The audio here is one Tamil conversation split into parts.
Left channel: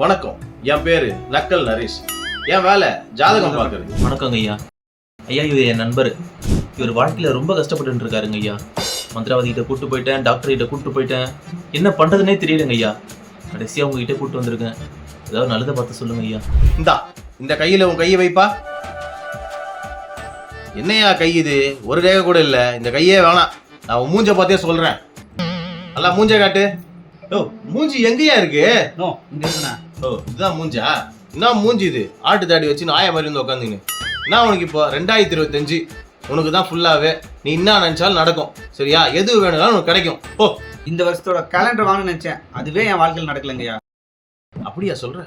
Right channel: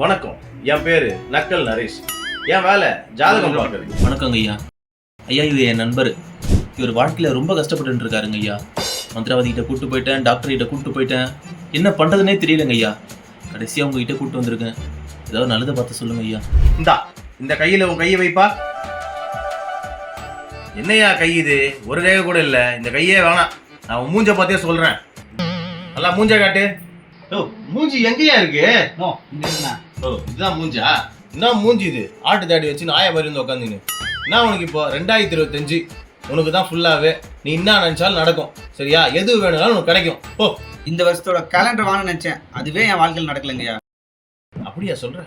வணக்கம், என் பேரு நக்கல் நரேஷ். என் வேலை ஜாதகம் பார்க்கறது. வணக்கங்க ஐயா. ஐயா, இவர் என் நண்பர். இவர் வாழ்க்கையில ரொம்ப கஷ்டப்பட்டு இருக்காருங்க ஐயா. மந்திரவாதி கிட்ட கூட்டு போயிட்டேன், டாக்டர் கிட்ட கூட்டு போயிட்டேன், என்ன பண்றதுன்னே தெரியலங்க ஐயா. கடைசியா உங்ககிட்ட கூட்டு வந்திருக்கேன். ஏதாவது நல்லதை பார்த்து சொல்லுங்க ஐயா. இந்த கையில உன் கையை வைப்பா. என்னையா கை இது? ஒரு ரேகை கூட இல்ல. இந்த கையே வேணாம். நான் உன் மூஞ்ச பார்த்தே சொல்றேன். நல்லா மூஞ்ச காட்டு. ஓ, மூஞ்சி எங்கேயா இருக்கு? இதுதான் மூஞ்சா? என்ன மூஞ்சி இது? ஆட்டு தாடி வச்சு நாய மாதிரி வந்து உட்காந்துன்னு. நான் உனக்கு இப்போ 2025 உனக்கு தான் ஃபுல்லாவே. நீ என்ன நினைச்சாலும் நடக்கும், சரியா? எது வேணும்னாலும் உனக்கு கிடைக்கும். ஓ, இந்த வருஷத்தோட கேலண்டர் வாங்க நினைச்சேன், அதுவே என் வாழ்க்கையில் நடக்கலைங்கய்யா. அப்படியா சொல்ற?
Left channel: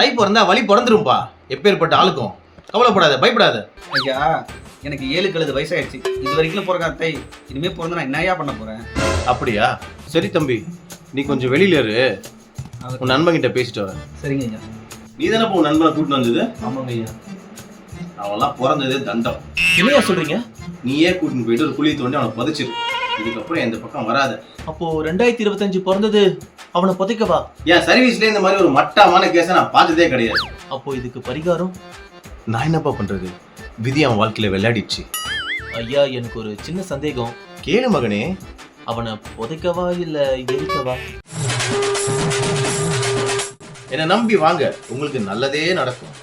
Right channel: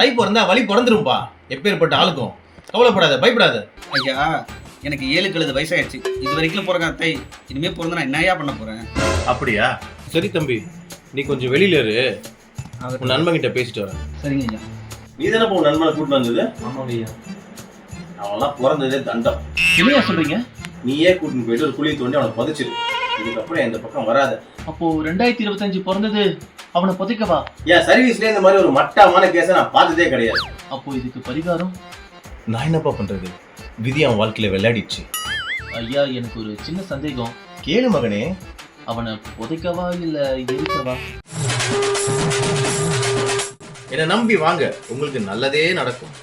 தை பிறந்தா வழி பிறந்துரும்பா. எப்பேற்பட்ட ஆளுக்கும் கவலைப்படாத, பயப்படாத. ஐயா, எனக்கு 7 வயசாயிடுச்சு. இது வரைக்கும் பிறக்க தை, இனிமே பிறந்த நான் என்னையா பண்ண போறேன்? அப்படியா? சரி தம்பி, நீ கொஞ்சம் வெளியில இரு. உன் நண்பன் கிட்ட பேசிட்டு வரேன். சரிங்க ஐயா. நீ தானே உன் நண்பனை கூட்டிட்டு வந்தது? ஆமாங்க ஐயா. அவன்லாம் பிறந்ததே தண்டம். என்னையா சொல்றீங்க? நீயே கூட்டிட்டு போயிட்டு ஒரு குழி தோண்டி அவனை புதைச்சிரு. இதுக்கப்புறம் இந்த பக்கம் வராத. அப்போ 2025 பிறந்தது அவனை புதைக்கவா? என் சர்வீஸ்ல இந்த மாதிரி ஒரு மட்டமான கேஸை நான் பார்த்ததே கிடையாது. அப்போ இதுக்கு பரிகாரம்? நான் என்னப்பா பண்றது? விதி அவன் வாழ்க்கையில விளையாடிச்சு. ஐயா, எனக்கு ஒரு சின்ன சந்தேகம். கேளு மகனே. அவனை புதைக்கவா இல்ல எரிக்கவா? என்னை நம்பி வாங்க, உங்களுக்கு நல்லதே நடக்கும்.